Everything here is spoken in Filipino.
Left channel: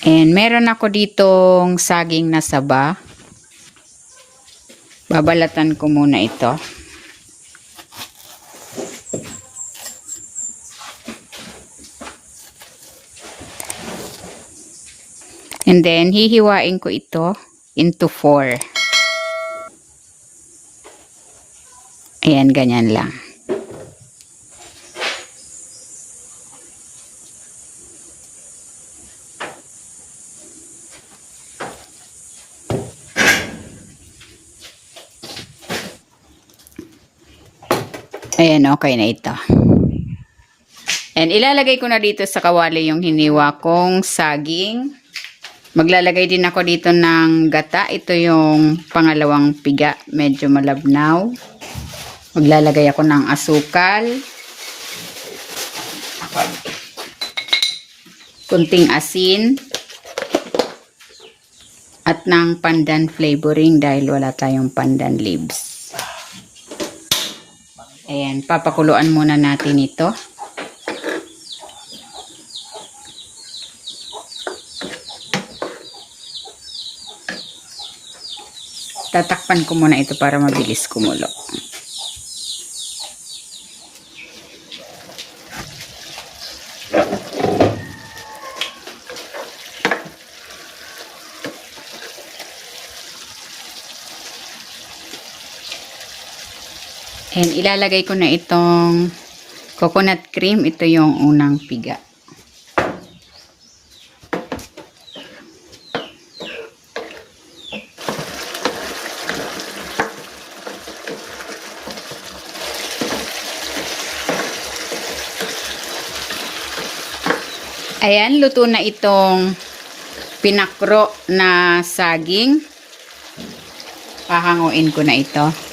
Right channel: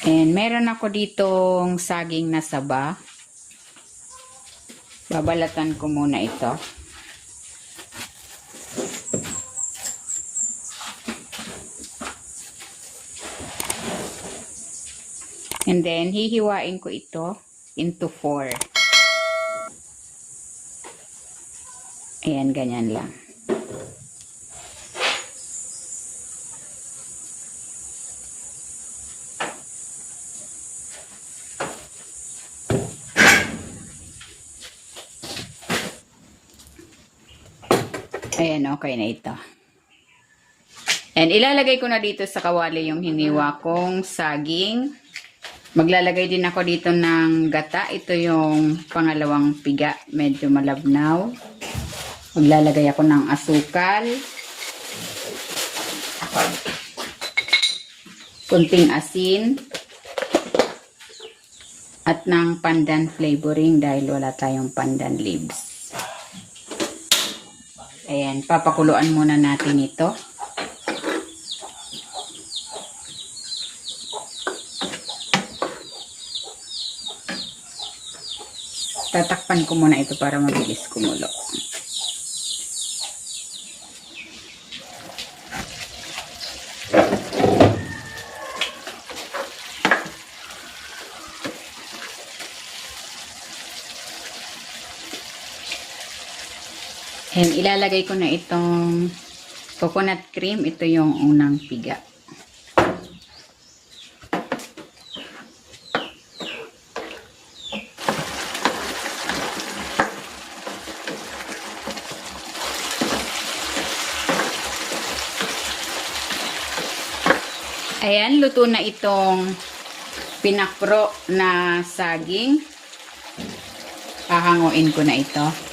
And meron ako ditong saging na saba. Babalatan ko muna ito. And then, hihiwain ko ito into 4. Ayan, ganyan lang. Ayan, okay na ito. And ilalagay ko na dito sa kawali yung hiniwa kong saging. Maglalagay din ako dito ng gata. Ito yung pangalawang piga. Medyo malabnaw. Maglalagay ako ng asukal. Kunting asin. At ng pandan flavoring dahil wala tayong pandan leaves. Ayan, papakuluan muna natin ito. Tatakpan ko muna ito para mabilis kumulo. And ilalagay ko na itong coconut cream. Ito yung unang piga. Ayan, luto na itong pinakpro na saging. Pahanguin ko na ito.